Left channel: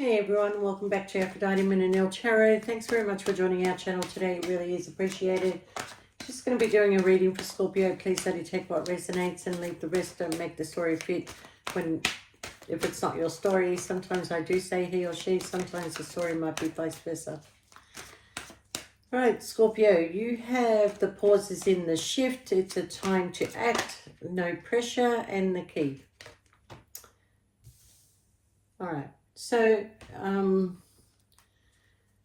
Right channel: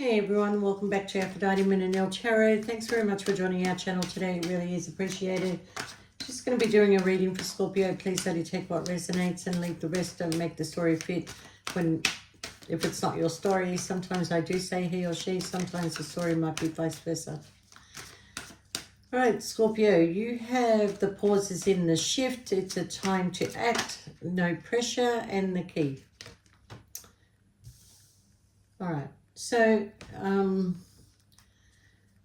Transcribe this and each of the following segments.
Hey everyone, welcome back to Aphrodite Minanil Tarot. Thanks very much for joining our channel today. It really is appreciated. Just going to be doing a reading for Scorpio. Please only take what resonates and leave the rest. Don't make the story fit if it's not your story. Sometimes I do say he or she. Sometimes the story might be vice versa. Right, Scorpio, you have the pauses in the shift. It's a time to act, no pressure, and the key. All right. So,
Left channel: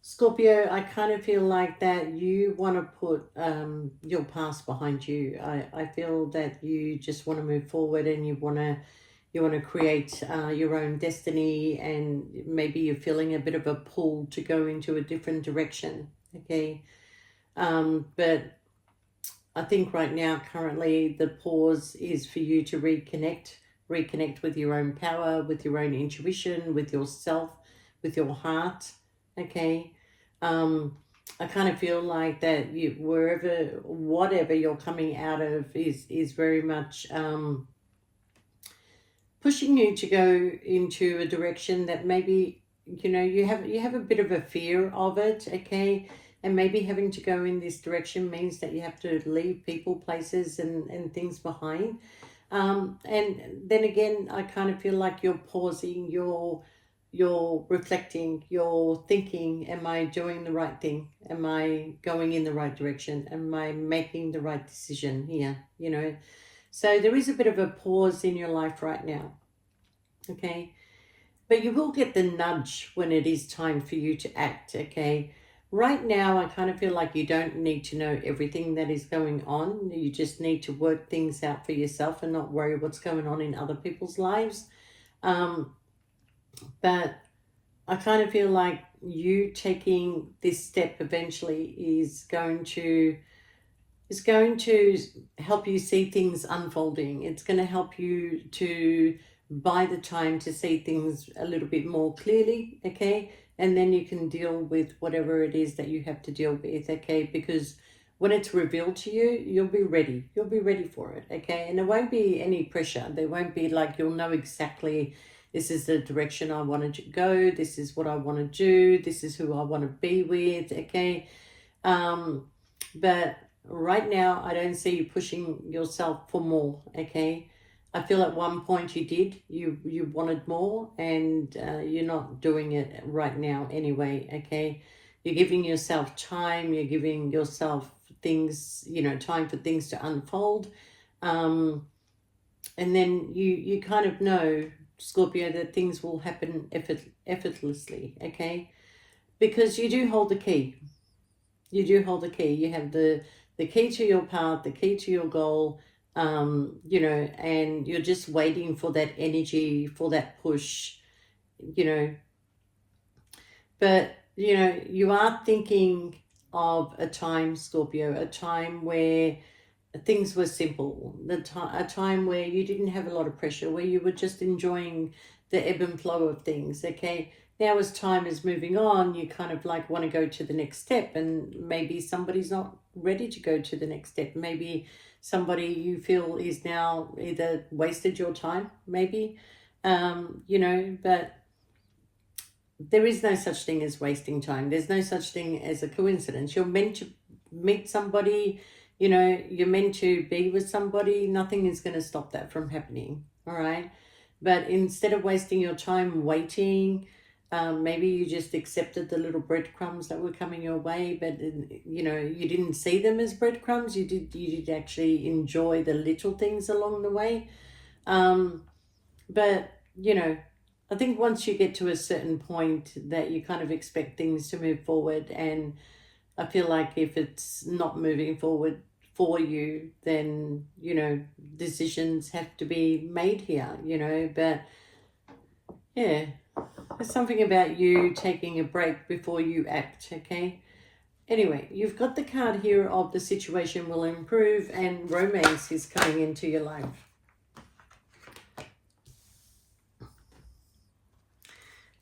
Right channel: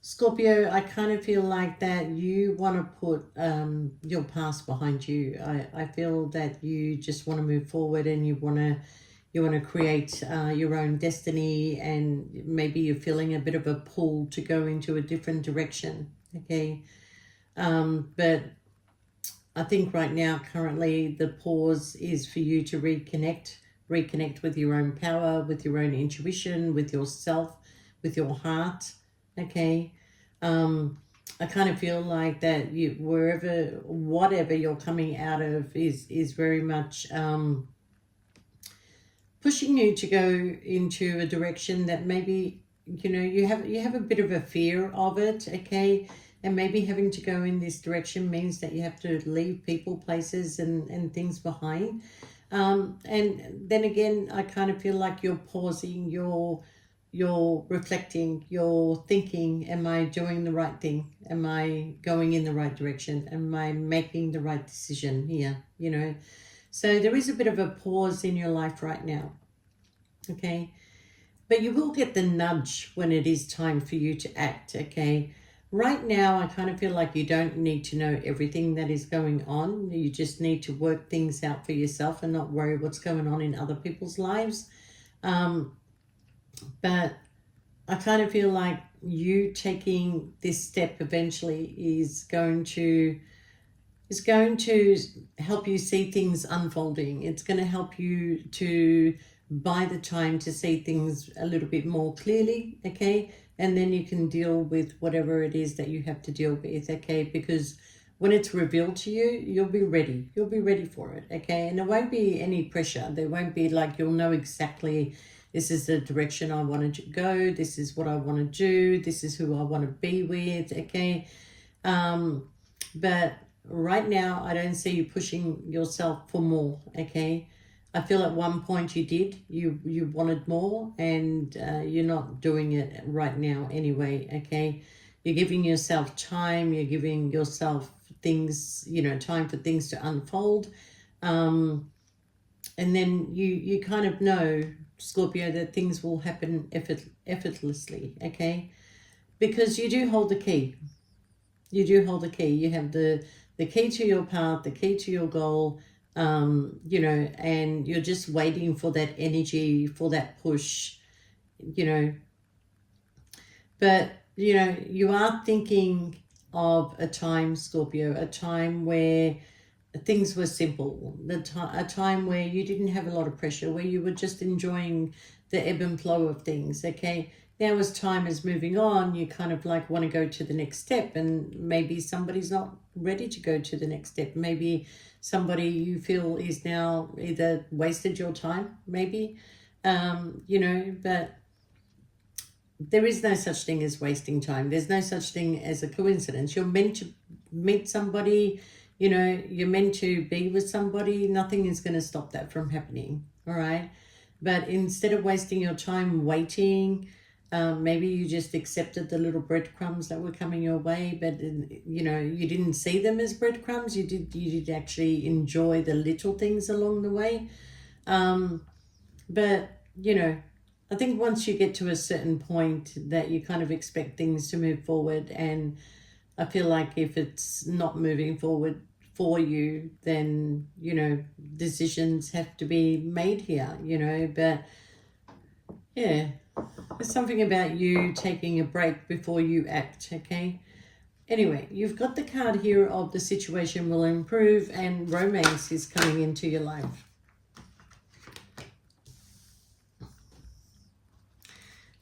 Scorpio, I kind of feel like that you want to put your past behind you. I feel that you just want to move forward and you want to create your own destiny, and maybe you're feeling a bit of a pull to go into a different direction. Okay, but I think right now, currently, the pause is for you to reconnect with your own power, with your own intuition, with yourself, with your heart. Okay. I kind of feel like that whatever you're coming out of is very much pushing you to go into a direction that maybe, you have a bit of a fear of it. Okay. And maybe having to go in this direction means that you have to leave people, places, and things behind. And then again, I kind of feel like you're pausing, you're reflecting, you're thinking, am I doing the right thing? Am I going in the right direction? Am I making the right decision here? So there is a bit of a pause in your life right now. Okay. But you will get the nudge when it is time for you to act. Okay. Right now, I kind of feel like you don't need to know everything that is going on. You just need to work things out for yourself and not worry what's going on in other people's lives. But I kind of feel like you taking this step eventually is going to help you see things unfolding. It's going to help you to buy the time to see things a little bit more clearly. Okay. And then you can deal with whatever it is that you have to deal with, okay? Because when it's revealed to you, you'll be ready. You'll be ready for it, okay? And there won't be any pressure. There won't be like, you'll know exactly, this is the direction I want to go. This is what I want to do. This is who I want to be with, okay? But right now, I don't see you pushing yourself for more, okay? I feel at one point you did, you wanted more, and you're not doing it right now anyway, okay? You're giving yourself time, you're giving yourself things, time for things to unfold. And then you kind of know, Scorpio, that things will happen effortlessly, okay? Because you do hold the key. You do hold the key. You have the key to your path, the key to your goal, and you're just waiting for that energy, for that push, but you are thinking of a time, Scorpio, a time where things were simple, a time where you didn't have a lot of pressure, where you were just enjoying the ebb and flow of things. Okay, now as time is moving on, you kind of like want to go to the next step, and maybe somebody's not ready to go to the next step. Maybe somebody you feel is now either wasted your time, maybe, but there is no such thing as wasting time. There's no such thing as a coincidence. You're meant to meet somebody, you're meant to be with somebody. Nothing is going to stop that from happening, all right? But instead of wasting your time waiting, maybe you just accepted the little breadcrumbs that were coming your way, but you didn't see them as breadcrumbs. You did actually enjoy the little things along the way. But I think once you get to a certain point that you kind of expect things to move forward, and I feel like if it's not moving forward for you, then decisions have to be made here, but yeah, there's something about you taking a break before you act, okay? Anyway, you've got the card here of the situation will improve and romance is coming into your life.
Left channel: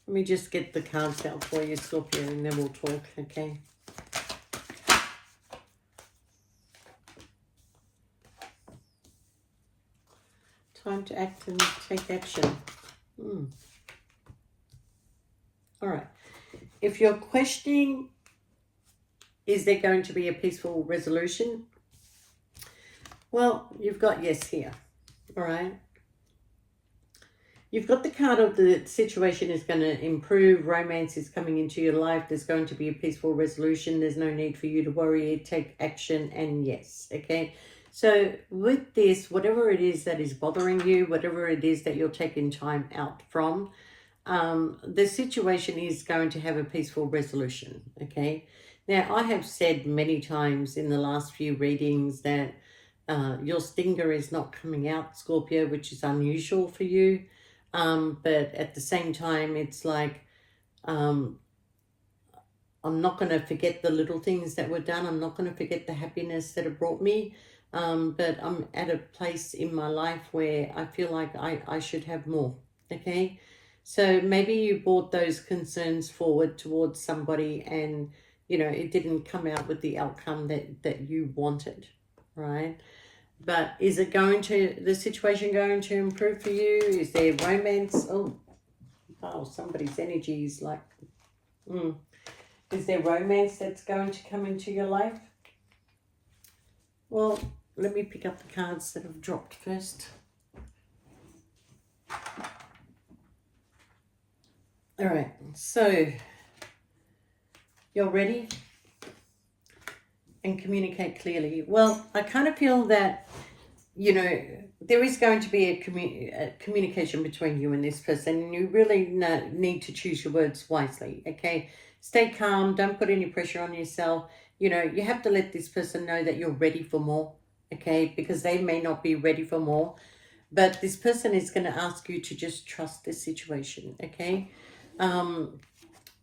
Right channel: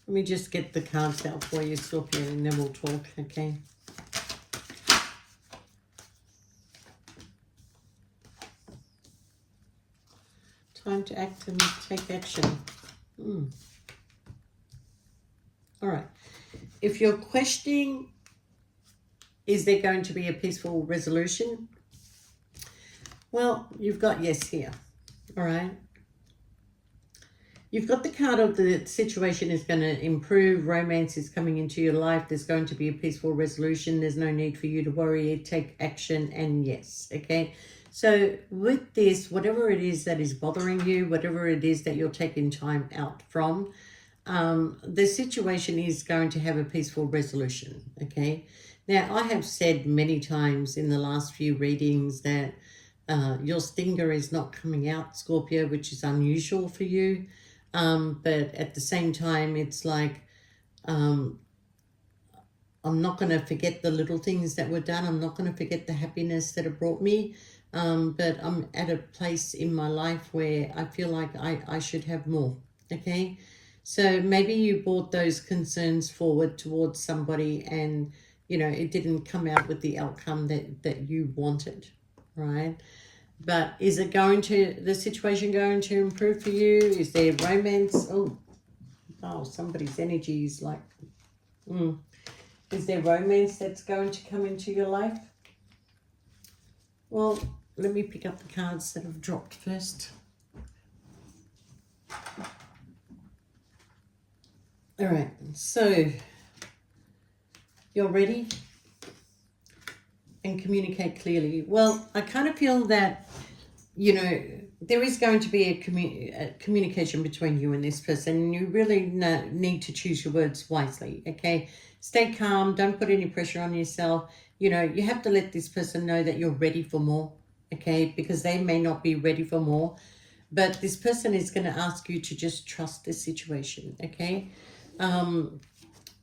Let me just get the cards out for you, Scorpio, and then we'll talk, okay? Time to act and take action. All right. If you're questioning, is there going to be a peaceful resolution? Well, you've got yes here. All right. You've got the card of the situation is going to improve. Romance is coming into your life. There's going to be a peaceful resolution. There's no need for you to worry. Take action and yes. Okay. So with this, whatever it is that is bothering you, whatever it is that you're taking time out from, the situation is going to have a peaceful resolution. Okay. Now, I have said many times in the last few readings that your stinger is not coming out, Scorpio, which is unusual for you. But at the same time, it's like, I'm not going to forget the little things that were done. I'm not going to forget the happiness that it brought me. But I'm at a place in my life where I feel like I should have more. Okay. So maybe you brought those concerns forward towards somebody and, you know, it didn't come out with the outcome that you wanted, right? But is it going to, the situation going to improve for you? Is there romance? Oh, somebody's energy is like, is there romance that's going to come into your life? Well, let me pick up the cards that have dropped first. All right, so you're ready and communicate clearly. Well, I kind of feel that, you know, there is going to be a communication between you and this person. You really need to choose your words wisely, okay? Stay calm. Don't put any pressure on yourself. You know, you have to let this person know that you're ready for more, okay? Because they may not be ready for more. But this person is going to ask you to just trust this situation, okay?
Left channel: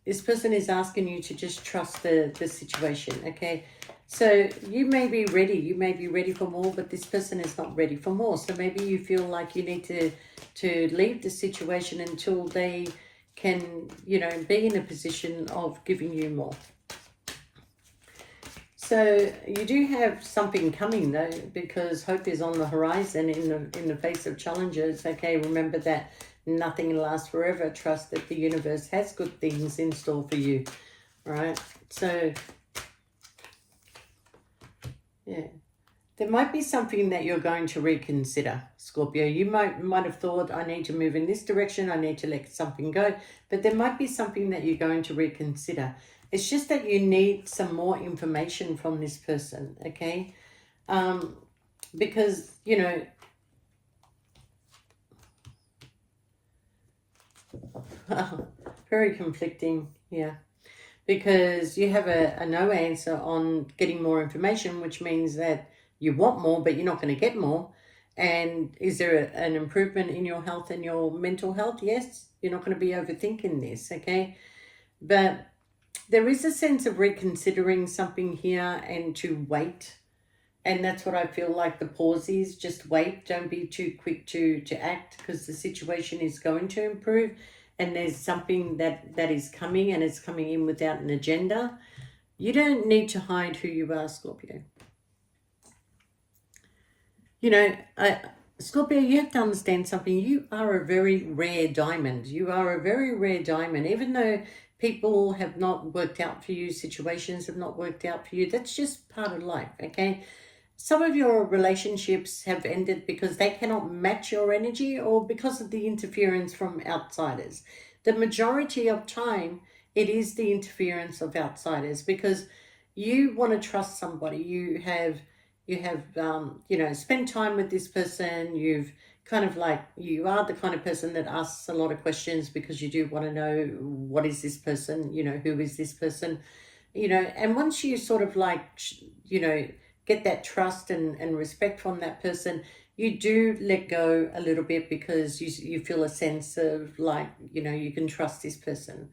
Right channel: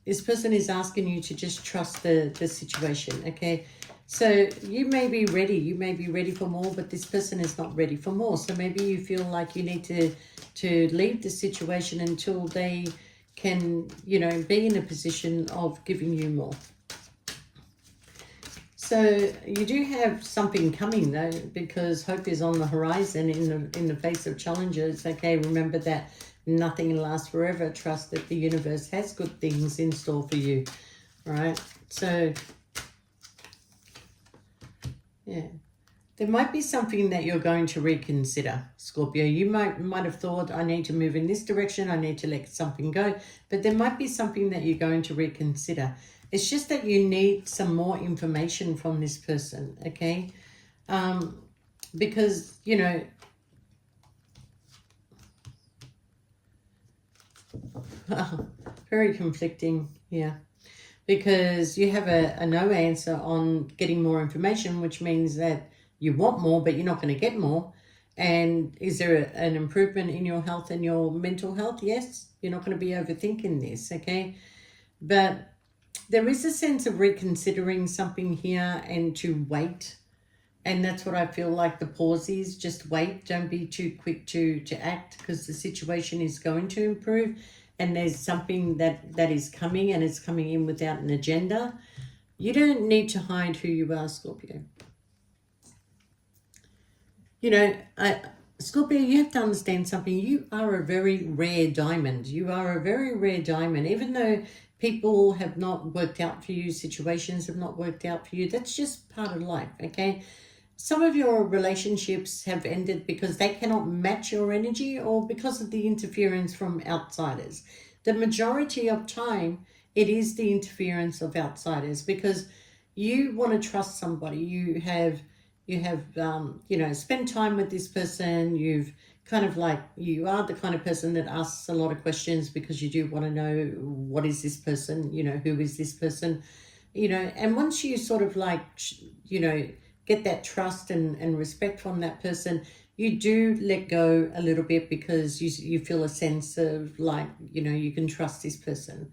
This person is asking you to just trust the situation, okay? So you may be ready for more, but this person is not ready for more. So maybe you feel like you need to leave the situation until they can, you know, be in a position of giving you more. So you do have something coming though, because hope is on the horizon in the face of challenges. Okay, remember that nothing lasts forever. Trust that the universe has good things in store for you. All right. So yeah, there might be something that you're going to reconsider, Scorpio. You might have thought, I need to move in this direction. I need to let something go. But there might be something that you're going to reconsider. It's just that you need some more information from this person, okay? Because, you know, very conflicting, yeah. Because you have a no answer on getting more information, which means that you want more, but you're not going to get more. And is there an improvement in your health and your mental health? Yes, you're not going to be overthinking this, okay? But there is a sense of reconsidering something here and to wait. And that's what I feel like the pause is. Just wait. Don't be too quick to act, because the situation is going to improve. And there's something that is coming, and it's coming in without an agenda. You don't need to hide who you are, Scorpio. You know, Scorpio, you have to understand something. You are a very rare diamond. You are a very rare diamond. Even though people have not worked out for you, situations have not worked out for you, that's just part of life, okay? Some of your relationships have ended because they cannot match your energy, or because of the interference from outsiders. The majority of time, it is the interference of outsiders, because you want to trust somebody. You have you know, spent time with this person. You've kind of like, you are the kind of person that asks a lot of questions because you do want to know, what is this person? You know, who is this person? You know, and once you sort of like, you know, get that trust and respect from that person, you do let go a little bit, because you feel a sense of like, you know, you can trust this person.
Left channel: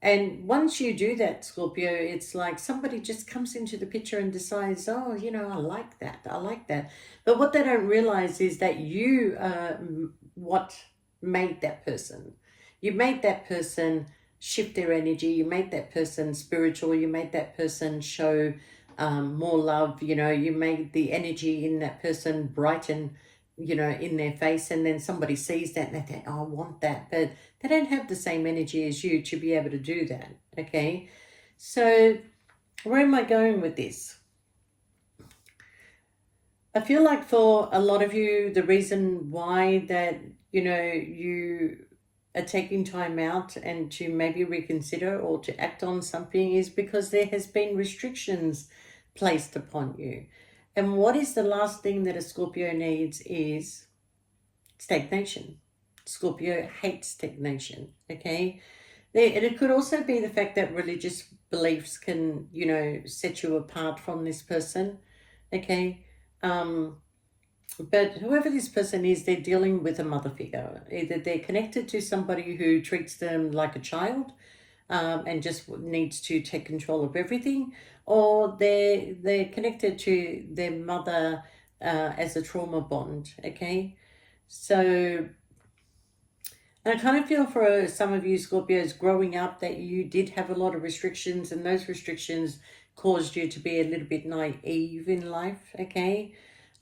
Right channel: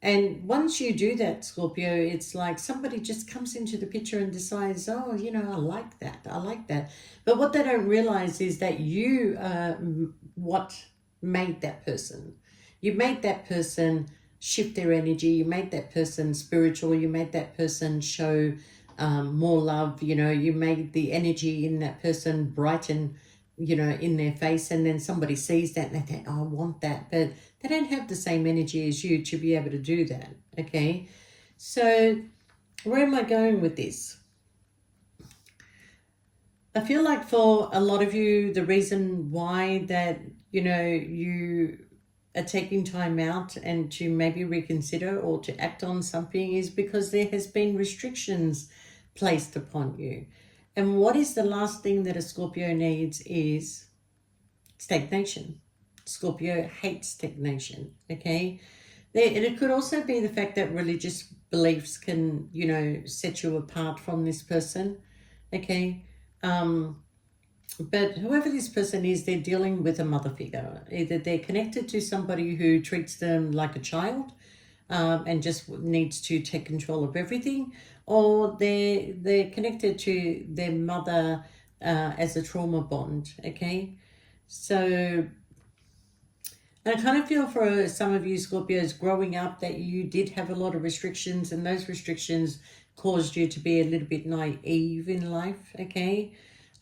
And once you do that, Scorpio, it's like somebody just comes into the picture and decides, oh, you know, I like that. I like that. But what they don't realize is that you what made that person. You made that person shift their energy. You made that person spiritual. You made that person show more love. You know, you made the energy in that person brighten, you know, in their face. And then somebody sees that and they think, oh, I want that. But They don't have the same energy as you to be able to do that, okay? So where am I going with this? I feel like for a lot of you, the reason why that, you are taking time out and to maybe reconsider or to act on something is because there has been restrictions placed upon you. And what is the last thing that a Scorpio needs is stagnation. Scorpio hates stagnation, okay? And it could also be the fact that religious beliefs can, set you apart from this person, okay? But whoever this person is, they're dealing with a mother figure. Either they're connected to somebody who treats them like a child, and just needs to take control of everything, or they're connected to their mother as a trauma bond, okay? So and I kind of feel for some of you Scorpios growing up that you did have a lot of restrictions, and those restrictions caused you to be a little bit naive in life, okay?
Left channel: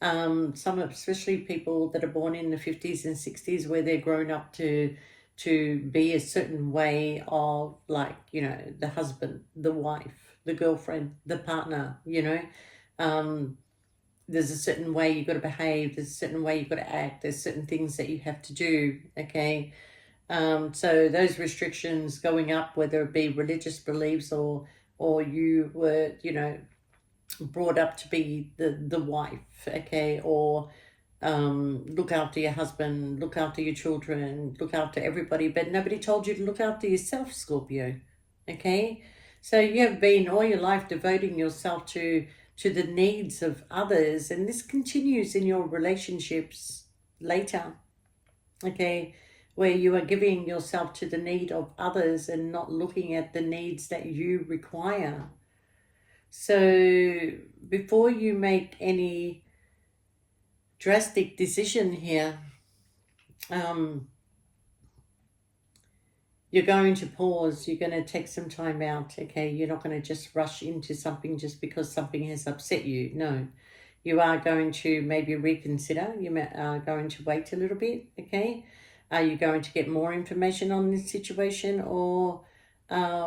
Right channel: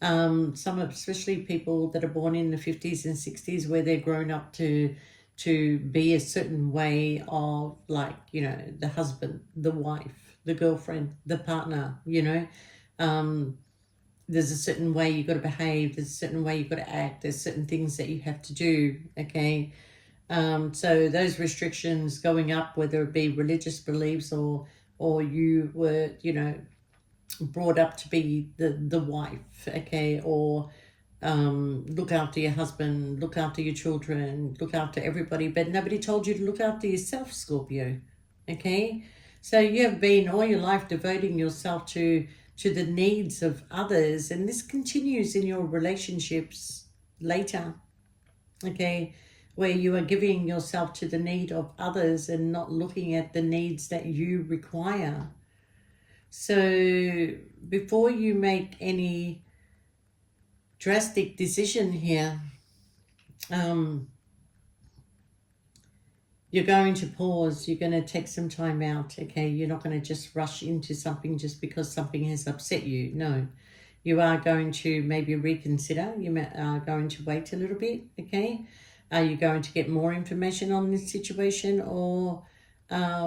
Some, especially people that are born in the 50s and 60s, where they're grown up to be a certain way of, like, the husband, the wife, the girlfriend, the partner, there's a certain way you've got to behave, there's a certain way you've got to act, there's certain things that you have to do, okay? So those restrictions going up, whether it be religious beliefs or you were, brought up to be the wife, okay, or look after your husband, look after your children, look after everybody, but nobody told you to look after yourself, Scorpio, okay? So you have been all your life devoting yourself to the needs of others, and this continues in your relationships later, okay, where you are giving yourself to the need of others and not looking at the needs that you require. So before you make any drastic decision here, you're going to pause, you're going to take some time out, okay? You're not going to just rush into something just because something has upset you. No, you are going to maybe reconsider. You are going to wait a little bit, okay? Are you going to get more information on this situation, or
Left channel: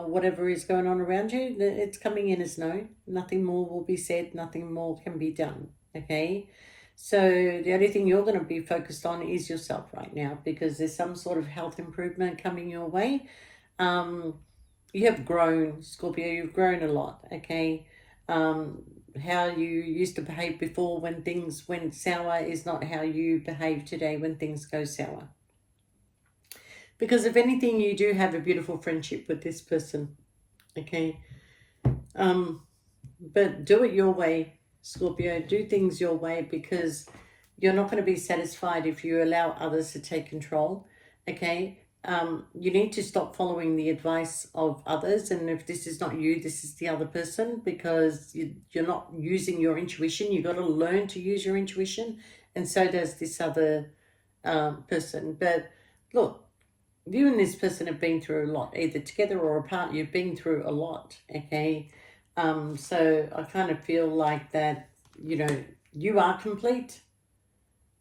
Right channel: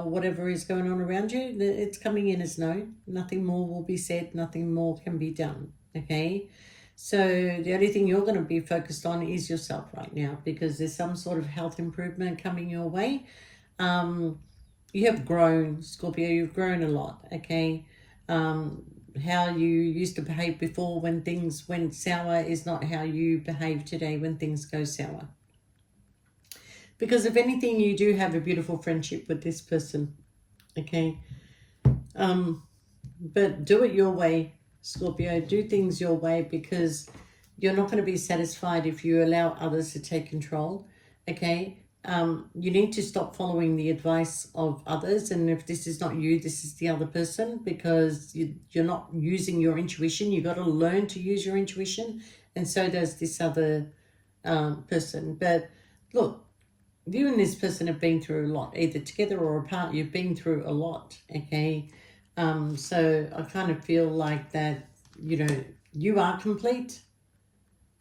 whatever is going on around you? It's coming in as no. Nothing more will be said. Nothing more can be done, okay? So the only thing you're going to be focused on is yourself right now, because there's some sort of health improvement coming your way. You have grown, Scorpio. You've grown a lot, okay? How you used to behave before when things went sour is not how you behave today when things go sour. Because if anything, you do have a beautiful friendship with this person, okay? But do it your way, Scorpio. Do things your way, because you're not going to be satisfied if you allow others to take control, okay? You need to stop following the advice of others, and if this is not you, this is the other person, because you're not using your intuition. You've got to learn to use your intuition, and so does this other person. But look, you and this person have been through a lot, either together or apart. You've been through a lot, okay? So I kind of feel like that, you are complete.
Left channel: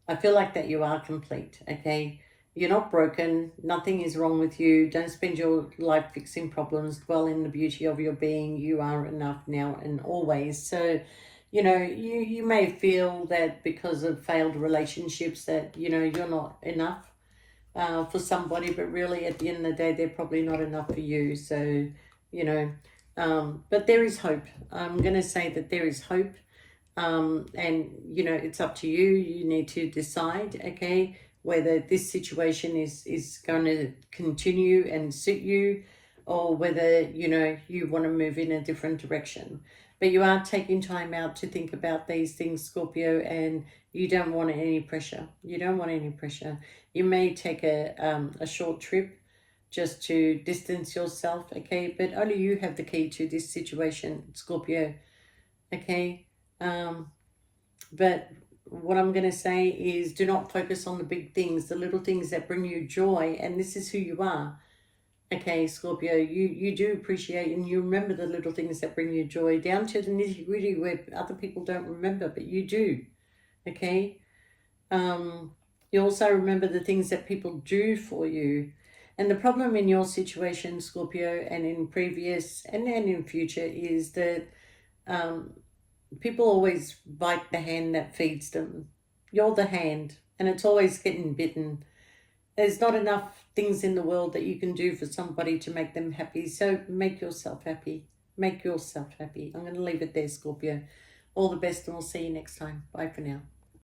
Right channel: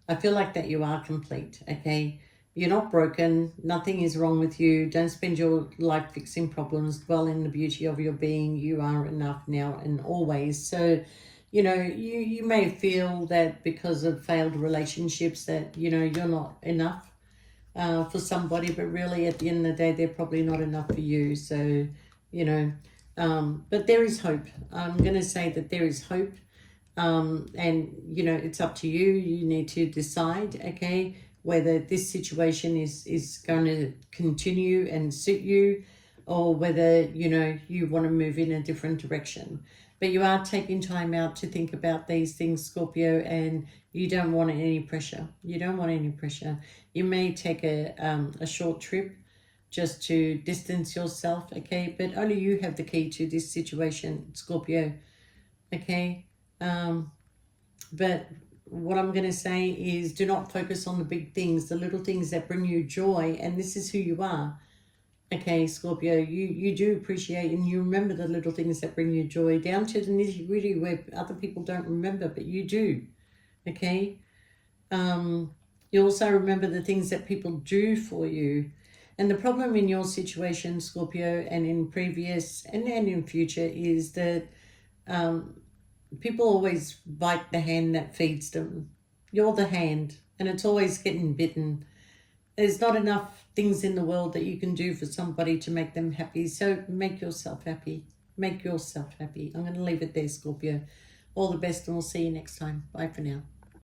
I feel like that you are complete, okay? You're not broken. Nothing is wrong with you. Don't spend your life fixing problems. Dwell in the beauty of your being. You are enough now and always. So, you may feel that because of failed relationships that, you're not enough for somebody, but really at the end of the day, they're probably not enough for you. So, but there is hope. I'm going to say that there is hope. And, it's up to you. You need to decide, okay, whether this situation is going to continue and suit you, or whether, you want to move in a different direction. But you are taking time out to think about these things, Scorpio, and you don't want any pressure. You don't want any pressure. You may take a short trip just to distance yourself, okay? But only you have the key to this situation, Scorpio, okay? But what I'm going to say is, do not focus on the big things, the little things that bring you joy, and this is who you are. Okay, Scorpio, you do appreciate and you remember the little things that bring you joy, down to the nitty-gritty where other people don't remember, but you do, okay? You also remember the things that people do for you. And the problem in your situation, Scorpio, and in previous and in future is that um, people always bite the hand that feeds them. You're the hand, and it's always getting bitten. There's not enough things in the world that you can do for somebody to make them happy. So make yourself happy. Make yourself happy. I'm going to leave it there, Scorpio. All the best, and we'll see you next time. Bye for now.